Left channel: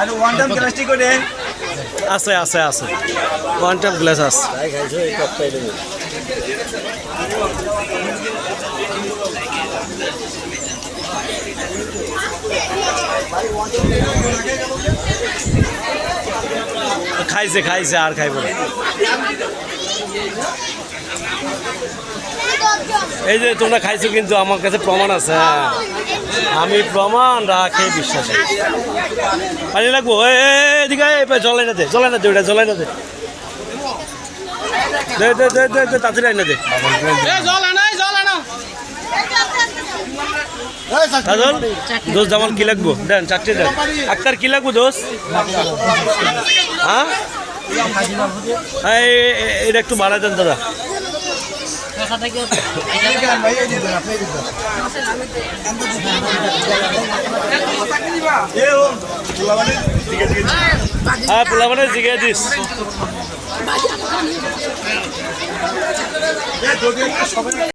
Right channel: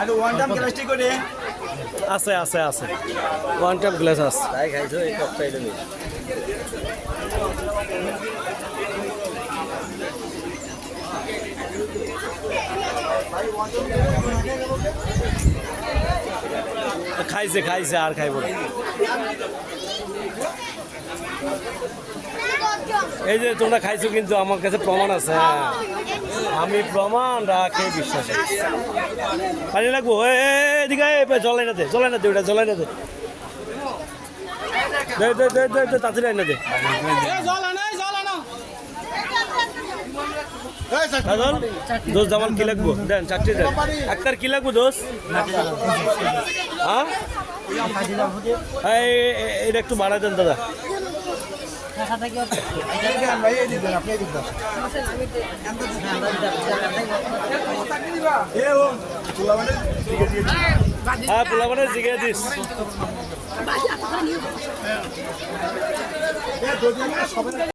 আর one time plastic করে আছে আছে আছে ওয়ান টাইম গ্লাস আছে খাইছে খাইছে আর খাইব না। এই যে তোমরা খাইছো কিন্তু আমার কাছে প্রমাণ আছে। হ্যাঁ আমি প্রমাণ রাখে বিশ্বাস পানি লাগবো। এদিকে জলাই না দে জলাই না দে ওটা জলাই না দে দে দে দে দে দে তাড়াতাড়ি আইনা দে দোষ জামাল কি লাগবো দেন চারটে দেন আক্তার কি লাগবো দোষ হ্যাঁ এটা একটু বাড়াই দেন দাদা হ্যাঁ পোলা মানে জিগে দিস